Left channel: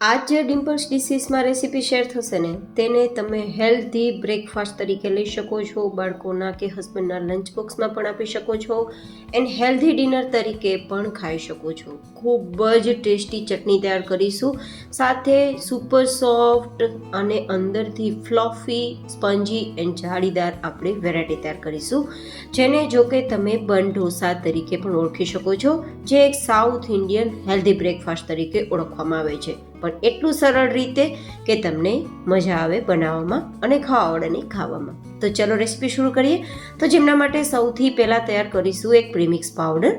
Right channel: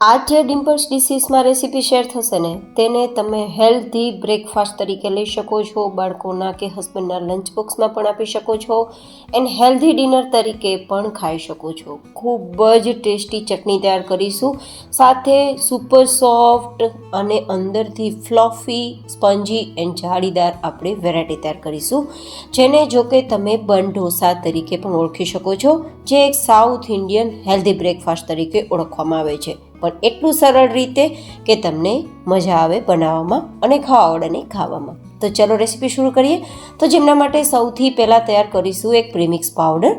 आज જે ડિમ્પલ્સ ડિશીસમાં recipe share થશે ને તેને તમે હેલ્ધી બ્રેકફાસ્ટ તરીકે લઈ શકો છો, બાળકોના કે હસબન્ડના લંચ બોક્સમાં પણ આપી શકો છો એન્ડ હેલ્ધી ડિનર તરીકે પણ ખાઈ શકો છો. ખૂબ જ ટેસ્ટી ચટણી તૈયાર કરીશું, સાથે સુપર સોફ્ટ અને અંદરથી ફ્લફી સ્પંજી એન્ડ જાળીદાર આપણે વેરાયટી તૈયાર કરીશું, જેને જો કે તમે બન ઢોસા તરીકે પણ ઓળખી શકો છો, જે એક સાઉથ ઇન્ડિયન હેલ્ધી બ્રેકફાસ્ટ તરીકે ઓળખવામાં આવે છે, પણ એટલું સરળ રીતે કે તમને મજા આવે બનાવવામાં અને ખાવાવાળાને ખાવામાં. તો ચલો રેસીપી શરૂ કરીએ. તો જેમના માટે સૌથી પહેલાં તૈયાર કરીશું એક પ્રીમિક્સ પાવડર.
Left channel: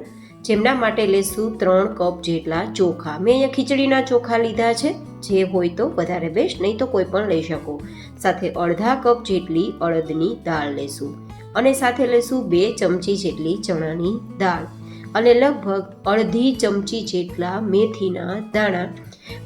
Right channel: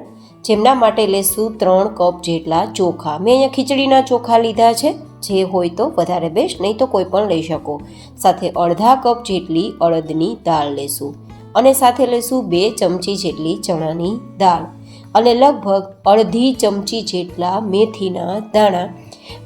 જેમના માટે લેશું 3 કપ જેટલા ચોખા. મેં અહીંયા ખીચડીના ચોખા લીધા છે, જે હોય તો વધારે બેસ્ટ, નહીં તો કોઈ પણ લઈ શકો. સાથે અડધા કપ જેટલી અડદની દાળ લેશું અને સાથે લેશું 2 ચમચી જેટલી ચણાની દાળ અને લગભગ અડધી ચમચી જેટલા મેથીના દાણા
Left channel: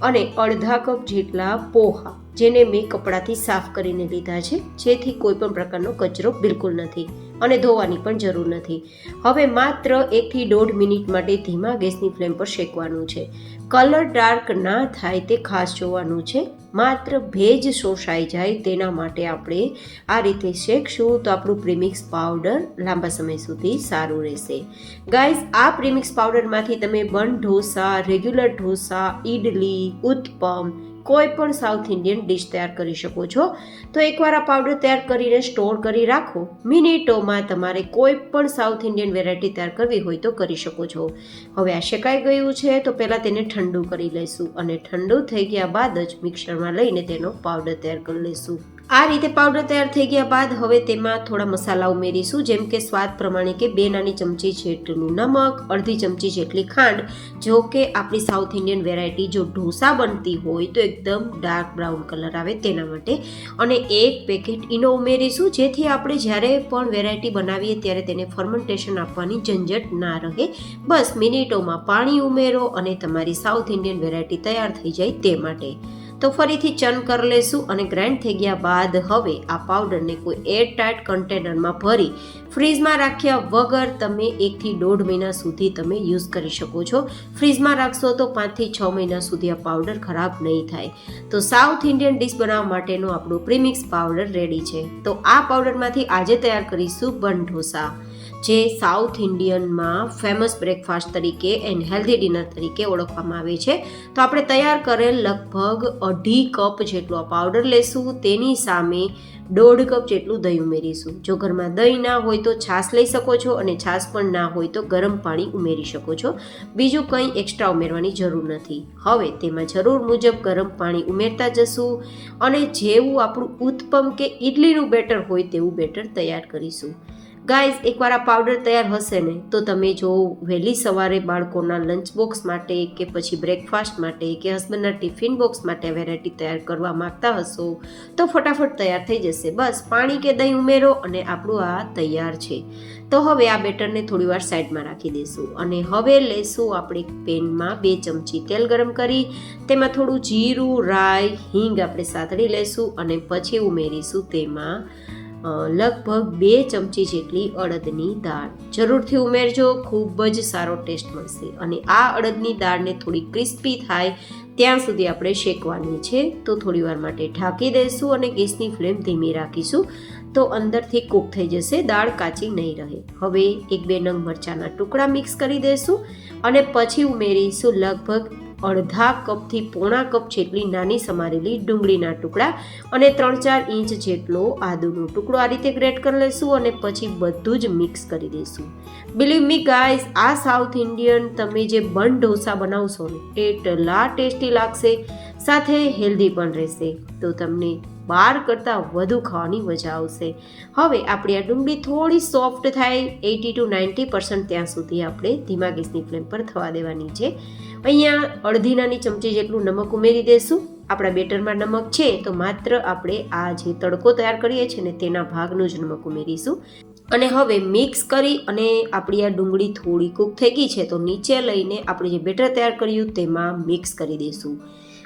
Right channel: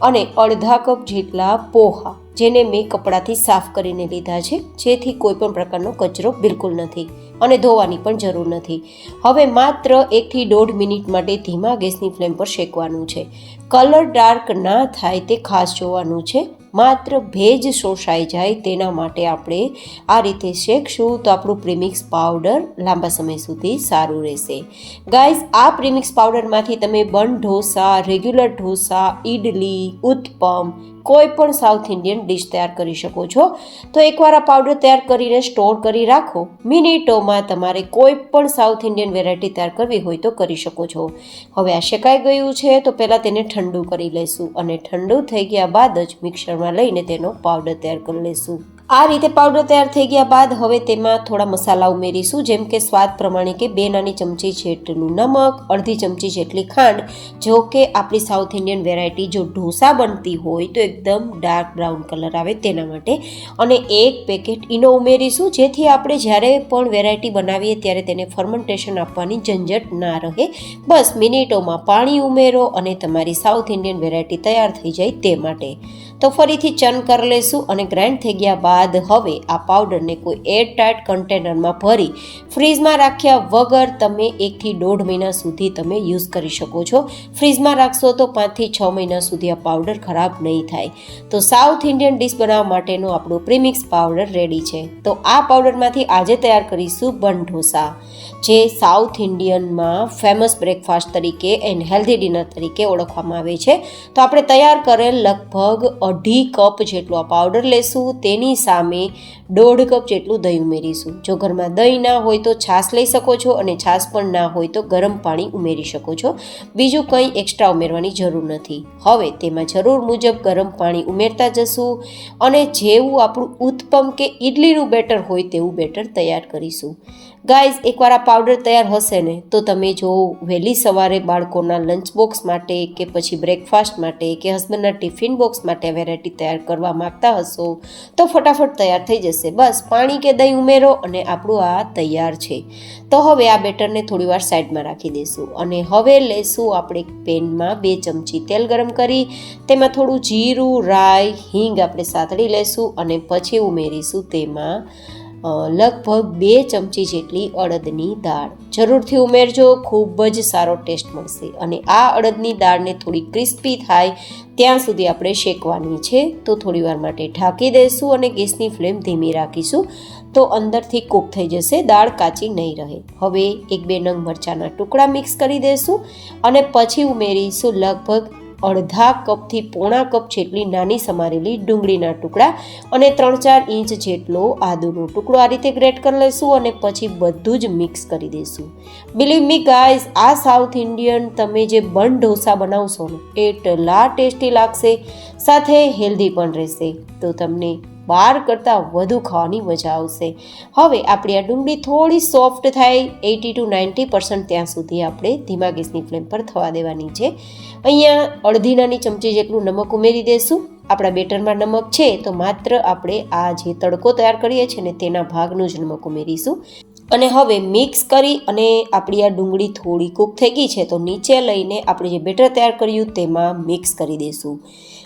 અને અડધા કપ જેટલા પોહા, જેને મેં કપડાથી સાફ કરીને લીધા છે, જેથી કોઈ પણ પ્રકારનો કચરો બિલકુલ નથી અને ધોવાની પણ જરૂર નથી. હવે માત્ર 1 થી 1.5 મિનિટ માટે ધીમા ગેસની ફ્લેમ પર શેકવાનું છે. કલર ડાર્ક ના થાય તે ખાસ જોવાનું છે. માત્ર ભેજ શોષાઈ જાય તેના માટે આપણે આ રીતે શેકશું તો આપણું પ્રીમિક્સ પાવડર લાંબા સમય સુધી સારું રહેશે. ગાઈઝ, આ પ્રીમિક્સ પાવડરમાંથી તમે બન ઢોસા, રેગ્યુલર ઢોસા, ઇડલી, ઉત્તપમ, કોઈ પણ સાઉથ ઇન્ડિયન ડિશ તૈયાર કરી શકો છો. તો એકવાર આ પાવડર તૈયાર કરીને સ્ટોર કરી રાખો. મિનિટોમાં તમારે કોઈ પણ સાઉથ ઇન્ડિયન વેરાયટી તૈયાર કરવી હોય તો કરી શકો છો. હવે આ શેકાઈ ગયું છે તો પહેલાં તેને ઠંડુ કરી લઈશું અને ઠંડુ થઈ ગયા બાદ જ મિક્સરમાં લઈને તેનો પાવડર તૈયાર કરી લઈશું. આ રીતે પાવડર તૈયાર થઈ ગયા બાદ હવે તેમાં થોડા મસાલા ઉમેરીશું, જેમ કે સ્વાદ પ્રમાણે કે 2 નાની ચમચી જેટલું નમક, અડધી ચમચી જેટલી ખાંડ. જો કે આપણી સાઉથ ઇન્ડિયન વેરાયટી જો ઢોસા બનતી હોય તો એકદમ ડાર્ક બ્રાઉન કલર આવે તેના માટે, અને 1 પેકેટ ઈનો ઉમેરીશું, જેથી આપણે જ્યારે પણ વેરાયટી બનાવીએ ત્યારે તેને ફર્મેન્ટેશન આપવાની ઝંઝટ ના રહે. બસ મિનિટોમાં પાણી ઉમેરો અને તમારી સાઉથ ઇન્ડિયન વેરાયટી તૈયાર થઈ જાય તે માટે. તો ફરીથી ચર્ન કરી લેશું અને ગ્રાઇન્ડ થઈ ગયા બાદ હવે આ પાવડરને કોઈ એરટાઇટ કન્ટેનરમાં ભરી ફ્રીઝમાં રાખ્યા વગર તમે 1 થી 1.5 મહિના સુધી તમે યુઝ કરી શકો છો. ફ્રીઝમાં રાખશો તો 5 થી 6 મહિના સુધી આ પાવડર ખરાબ નહીં થાય. તો સાઉથ ઇન્ડિયન ડિશ બનાવવા માટેનો આપણો પ્રીમિક્સ પાવડર રેડી છે. તો આ પાવડરમાંથી આજે તૈયાર કરીશું બન ઢોસા, જે સાઉથ ઇન્ડિયનમાં ફેમસ બ્રેકફાસ્ટ તરીકે એન્ડ હેલ્ધી ડિનર તરીકે ઓળખવામાં આવે છે. તો આપણે તૈયાર કરેલ લગભગ 2.5 કપ જેટલો આ પાવડર લેશું. તેની સામે 1.5 કપ જેટલું દહીં ઉમેરીશું. જો ઘરમાં દહીં ના હોય તો છાશ લઈ શકો છો અને છાશ પણ ના હોય તો ગરમ પાણી ઉમેરી શકો છો. બીજું કંઈ એક્સ્ટ્રા ઉમેરવાની જરૂર નથી. હવે તેમાં જરૂર મુજબ ગરમ પાણી ઉમેરતા જશું અને જેવું આપણું ઉત્તપમ કે ઇડલીનું બેટર હોય તેવું બેટર તૈયાર કરીશું. ગાઈઝ, એકવાર આ પાવડર તૈયાર હશે ને તો તમે જો વહેલી સવારે બાળકોના લંચ બોક્સ માટે કે પછી બ્રેકફાસ્ટ માટે કે હસબન્ડના ટિફિન બોક્સ માટે વેરાયટી તૈયાર કરવા માગતા હશો તો ફટાફટ તૈયાર થઈ જશે. બસ પાણી કે દહીં ઉમેરો અને આપણું આ તૈયાર છે. તો હવે આ બેટરને થોડીવાર સાઈડમાં રાખી દઈશું અને હવે લેશું આપણે પેનમાં 2 ચમચી તેલ ગરમ કરી તેમાં થોડું જીરું, રાઈ, હિંગ આપણે સાતળી લેશું અને પછી ઉમેરીશું તેમાં લગભગ 2 ચમચી જેટલી અડદની દાળ. જરૂરથી ઉમેરજો, ખૂબ જ સારો ટેસ્ટ મળશે. અને આ અડદની દાળને થોડી ક્રિસ્પી થાય ત્યાં સુધી આપણે શેકવાની છે. તો થોડીવાર માટે ઢાંકી દઈશું અને ગેસની ફ્લેમ ધીમી રાખીશું તો અંદરથી કૂક થઈ જશે, દાળ કાચી નહીં રહે. હવે 1-2 નંગ મરચાંના ટુકડા મિક્સ કરી દઈશું અને પછી ઉમેરીશું લગભગ અડધા કપથી પોણા કપ જેટલી નાની સમારેલી ડુંગળીના ટુકડા અને 3-4 ઇંચ જેટલો આદુનો ટુકડો આ રીતે ગ્રેટ કરી લઈશું અને પછી બધું જ મિક્સ કરી દઈશું. બિલીવ મી ગાઈઝ, આ સાઉથ ઇન્ડિયન તમે જે બન ઢોસા બનાવશો ને એટલા ટેસ્ટી લાગશે, સાથે હેલ્ધી પણ રહેશે. તો તમને બહાર કરતાં વધુ ખાવાની મજા આવશે. હવે આપણી આ ડુંગળી થોડી સોફ્ટ થાય 80 to 90% ત્યાં સુધી આપણે ધીમા ગેસની ફ્લેમ પર થવા દેવાની છે. અહીંયા અડધી નાની ચમચી જેટલું નમક ઉમેરી દઈશું. આપણા બેટરમાં નમક છે તો માત્ર આપણે આ જે તડકો તૈયાર કરીએ છીએ ને તેના ભાગનું જ નમક ઉમેરીશું. અને હવે મિક્સ કરી અને આપણી આ ડુંગળી થોડી કૂક થઈ ગઈ છે તો નીચે લઈને આપણે જે બેટર તૈયાર કર્યું તેમાં મિક્સ કરી દઈશું.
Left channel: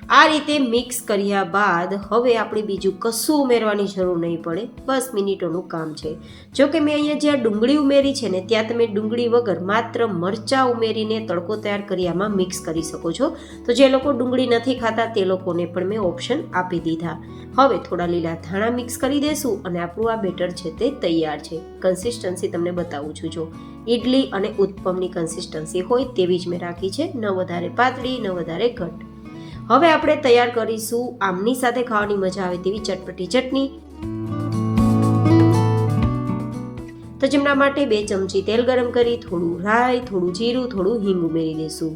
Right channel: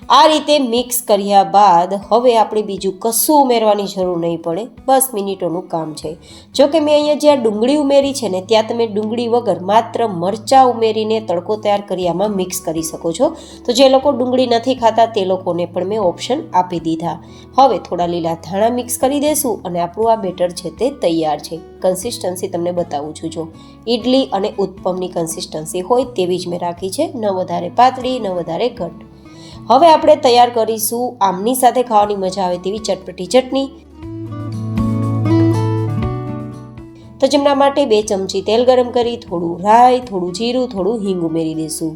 આ રીતે મિક્સ કર્યા બાદ હવે આપણે બીજું કશું ઉમેરવાની જરૂર નહીં પડે, બસ મિનિટોનું કામ છે. જો કે મેં અહીંયા જ્યાં ડુંગળી ઉમેરી છે ને ત્યાં તમે ડુંગળી વગર માત્ર મરચાં ઉમેરીને તડકો તૈયાર કરી આમાં મિક્સ કરી શકો છો. તો જે લોકો ડુંગળી નથી ખાતા તે લોકોને પણ મેં ઓપ્શન આપી દીધા. હવે થોડા લીલા ધાણા મિક્સ કરી દઈશું અને આપણું આ બેટર છે તે તૈયાર છે. કન્સિસ્ટન્સી તમને બતાવું છું, જો ઇડલી અને ઉત્પમની કન્સિસ્ટન્સી હોય તેવી જ મેં રાખી છે, ન વધારે પાતળી ન વધારે ઘટ. હવે આપણે તૈયાર કરીશું આમની સાથે ખાવાની મજા આવે તેવી ચટપટી ચટણી. તો જેમના માટે 2 ચમચી તેલ ગરમ કરી થોડું રાઈ, થોડું જીરું, થોડું હિંગ ઉમેરી દઈશું.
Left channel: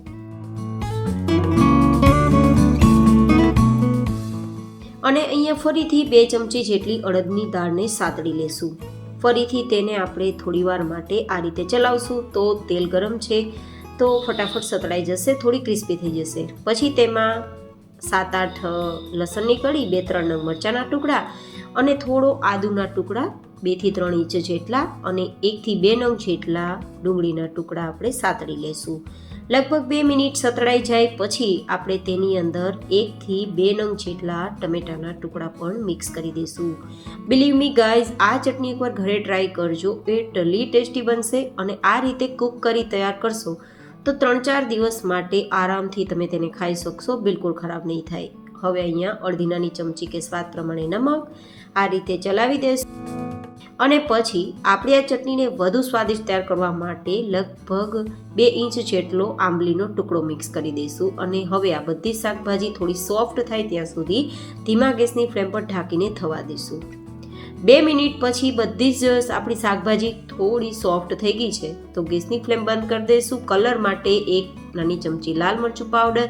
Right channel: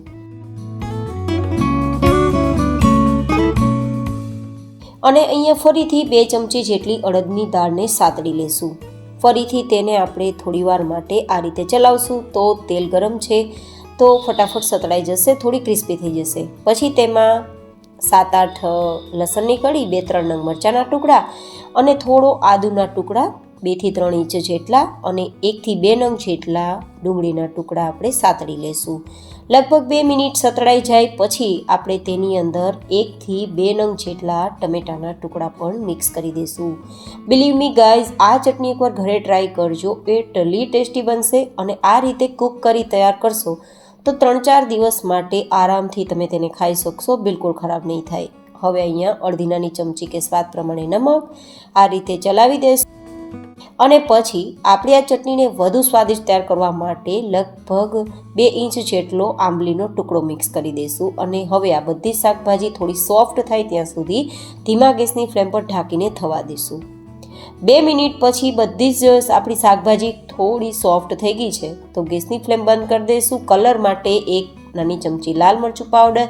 અને અહીંયા ફરીથી 2 ચમચી જેટલી અડદની દાળને સાતળી લેશું. ફરીથી તેને આપણે થોડીવાર માટે આ રીતે ચલાવશું. તો તેલ ગરમ છે તો ફટાફટ સતળાઈ જશે, થોડી ક્રિસ્પી થઈ જશે. પછી તેમાં 7-8 લસણની કળી, 2-3 નંગ મરચાંના ટુકડા અને થોડો આદુના ટુકડા 2 થી 3 ઇંચ જેટલા અને 1 થી 2 નંગ જેટલા ડુંગળીના ટુકડા આપણે સાતળી લેશું. લગભગ 2 મિનિટ સતળાઈ જાય પછી આપણે તેની અંદર 1 થી 2 નંગ જેટલા ટમેટાના ટુકડા પણ મિક્સ કરી દઈશું. બિલીવ મી ગાઈઝ, આ ચટણી એકવાર ઘરે ટ્રાય કરજો, એટલી ટેસ્ટી બનશે. અને આ રીતે કૂક કરી તૈયાર કરશો તો 3-4 દિવસ માટે આરામથી તમે તેને ખાઈ શકશો, બિલકુલ ખરાબ નહીં થાય. હવે અહીંયા અડધી નાની ચમચી કે સ્વાદ પ્રમાણે નમક આ રીતે ચલાવી દેશું. અને પછી આપણે આ ચટણીને વધુ સ્વાદિષ્ટ તૈયાર કરવા માટે લગભગ 2 ઇંચ જેટલો આંબલીનો ટુકડો મિક્સ કરી દઈશું. અને હવે આ બધી શાકભાજી થોડી સોફ્ટ થાય ત્યાં સુધી ધીમા ગેસની ફ્લેમ પર ઢાંકીને થવા દઈશું. 2 મિનિટ પછી બધી જ આપણી શાકભાજી થોડી સોફ્ટ થઈ ગઈ છે તો ગેસની ફ્લેમ બંધ કરી દઈશું. કલર માટે 1 નાની ચમચી લાલ મરચું પાવડર,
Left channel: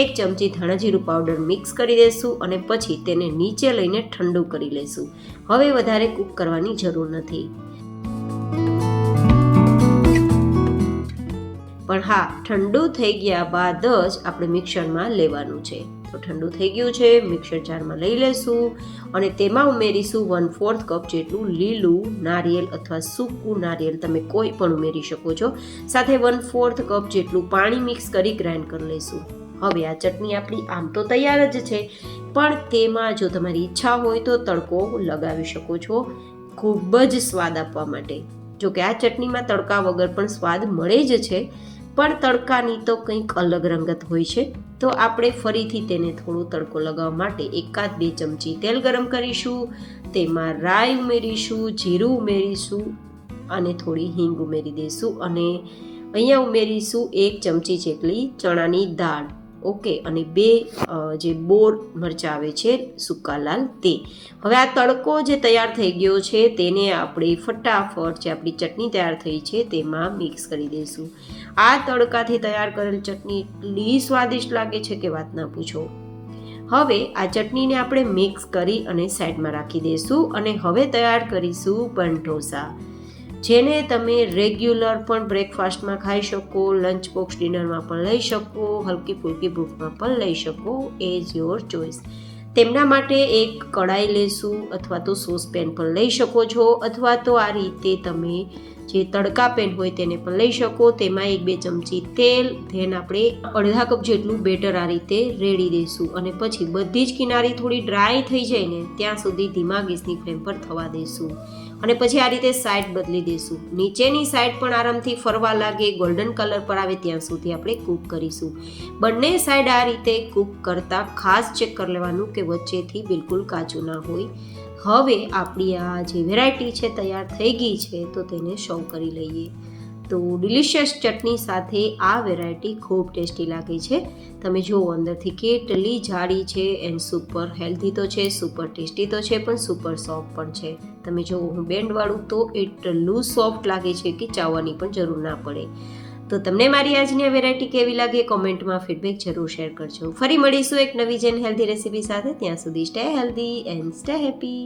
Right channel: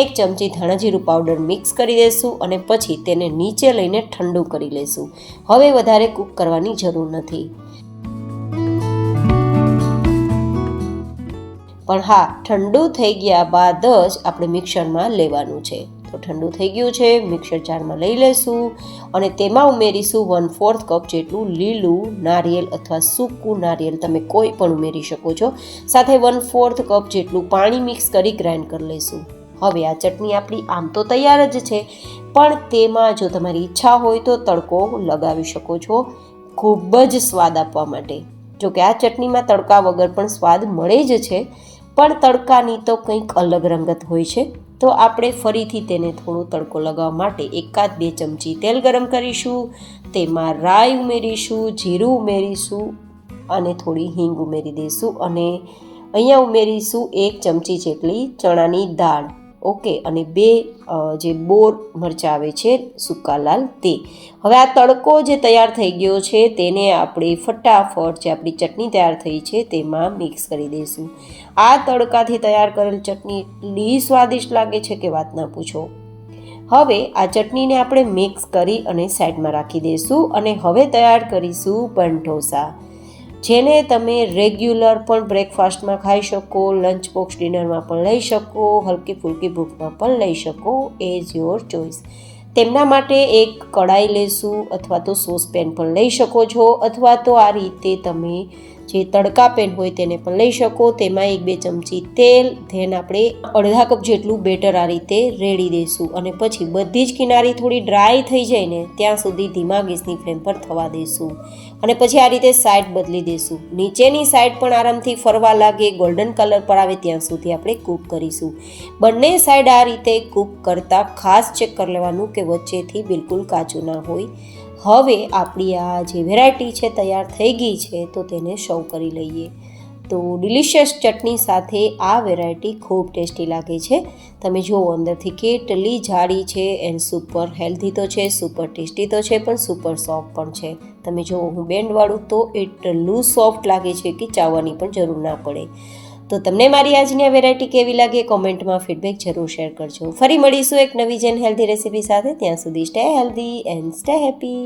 1 ચમચી ધાણા જીરું પાવડર મિક્સ કરી દઈશું અને પછી તેને નીચે લઈને ઠંડુ કરી લઈશું. હવે વધારે કૂક કરવાની જરૂર નથી. પણ હા, ઠંડુ થઈ ગયા બાદ જ આપણે મિક્સરમાં લેવાનું છે. તો ઠંડુ થઈ ગયું છે, મિક્સર જારમાં લઈ લઈશું અને તેમાં ઉમેરીશું 1/4 કપ જેટલું લીલું નારિયેળ અથવા સૂકું નારિયેળ, તમે કોઈ પણ ઉમેરી શકો છો. સાથે 1/4 કપ જેટલું પાણી મિક્સ કરી ગ્રાઇન્ડ કરી લઈશું. હવે આ ચટણી આપણી આમ તો તૈયાર જ છે, પણ તેમાં જો તમારી ઈચ્છા હોય તો તડકો લગાવી શકો છો ખૂબ જ સ્વાદ આપવા માટે. જો કે આ ચટણીમાં તડકા વગર પણ સ્વાદ મળે જ છે, પણ તડકાની તો કંઈક અલગ રંગત હોય છે. તો આપણે ફરીથી તેને થોડો તડકો લગાવવા માટે 1-2 ચમચી તેલ ગરમ કરીશું. તેમાં રાઈ ઉમેરીશું, જીરું ઉમેરીશું અને થોડી હિંગ ઉમેરી દઈશું. અને અહીંયા ઉમેરીશું 1 ચમચી જેટલી ચણાની દાળ, ઓકે, અને 2 જે બોર મરચાં આવે છે સૂકા લાલ તે. હવે આ તડકો જે તૈયાર થઈ ગયો છે તેને આપણે ફટાફટ જે આપણી ચટણી તૈયાર થઈ છે તેમાં મિક્સ કરી દઈશું. આ તડકાથી તૈયાર કરેલ ચટણી એટલી સ્વાદિષ્ટ લાગે છે કે વાત ના પૂછો. હવે આ ચટણીને આપણે મિક્સ કરી અને સાઈડમાં રાખી દઈશું. અને હવે તૈયાર કરીશું બન ઢોસા, જેને તમે રેગ્યુલર પણ બ્રેકફાસ્ટમાં ખાઈ શકો, લંચ બોક્સ ડિનરમાં પણ લઈ શકો, હલકી ફૂલકી ભૂખમાં પણ લઈ શકો, એઝ યોર ચોઇસ. તેમના માટે એક કડાઈ લેશું અથવા તો સોસપેન પણ લઈ શકો છો, અથવા તો આ રીતે તમે જે તડકા પેન હોય તેને પણ લઈ શકો. તેમાં 1-2 ચમચી તેલ, ધેન આપણે અડધા કપ જેટલું બેટર આ રીતે રેડી દઈશું. અને પછી બધી જ કિનારી થોડી ડ્રાય થઈ જાય ને ત્યાં સુધી ધીમા ગેસની ફ્લેમ પર થવા દઈશું. અને પછી આ રીતે સાઈડ બદલી દઈશું. નીચેની સાઈડ પણ આરામથી ફરવા લાગે, ગોલ્ડન કલર પર આવે ત્યાં સુધી આપણે કૂક કરીશું. બંને સાઈડ આ રીતે કૂક કરતાં ખાસ ચેક કરી લેવાનું કે વચ્ચેથી બિલકુલ કાચું ના હોય. હવે આપણી આ જે વેરાયટી છે તૈયાર થઈ ગઈ છે તો તેને સર્વ કરી લઈએ. તો ડિલિશિયસ ચટણી સાથે આ વેરાયટી ખૂબ ટેસ્ટી લાગે છે. તમે જુઓ અંદરથી કેટલી જાડી છે એન્ડ સુપર હેલ્ધી તો છે, સુપર ટેસ્ટી તો છે, પણ સુપર સોફ્ટ પણ છે. તમે જુઓ હું બેન્ડવાળું તો એટલું સોફ્ટ લાગે છે કે ચાવવાની પણ જરૂર ના પડે. તો તમને મારી આજની આ વેરાયટી કેવી લાગે કોમેન્ટમાં ફીડબેક જરૂર શેર કરજો. ફરી મળીશું એક નવી જેન હેલ્ધી રેસીપી સાથે. ત્યાં સુધી stay healthy and stay happy.